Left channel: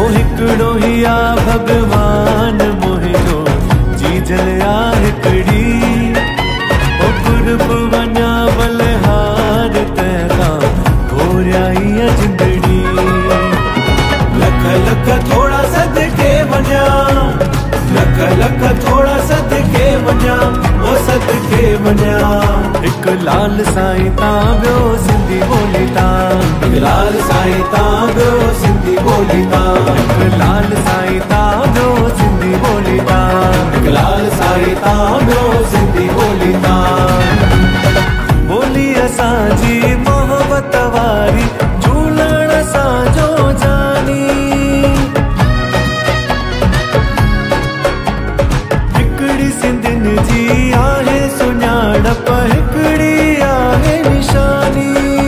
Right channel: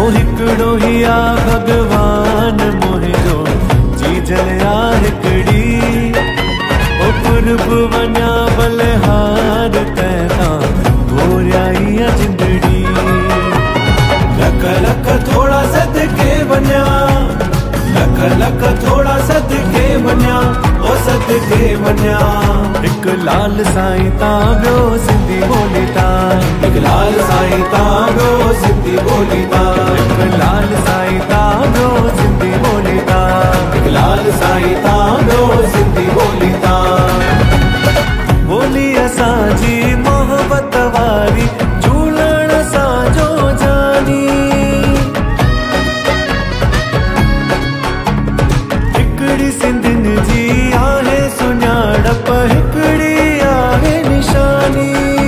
ओ हिकड़ो ही आ भगवान मुहिंजो चीजल आ हिकड़ी ओ कुर्ब वञा बलिहार तैता घोरियाई जिंदड़ी लख लख थोड़ा सदके वञा लख लख थोड़ा सदके वञा ओ सदके वञा एक लाल साईं ता ॿियो सिंधी ॿोली ता लाल साईं ता ॿियो सिंधी ॿोली ता एक लाल साईं ता ॿियो सिंधी ॿोली ता लाल साईं ता ॿियो सिंधी ॿोली ता ॿोली असांजी मोहब्बत वारी झूलण असांजो जानी हिकड़ी सिंधियुनि जी आहे सुञाणप हिकड़ी आहे निशानी।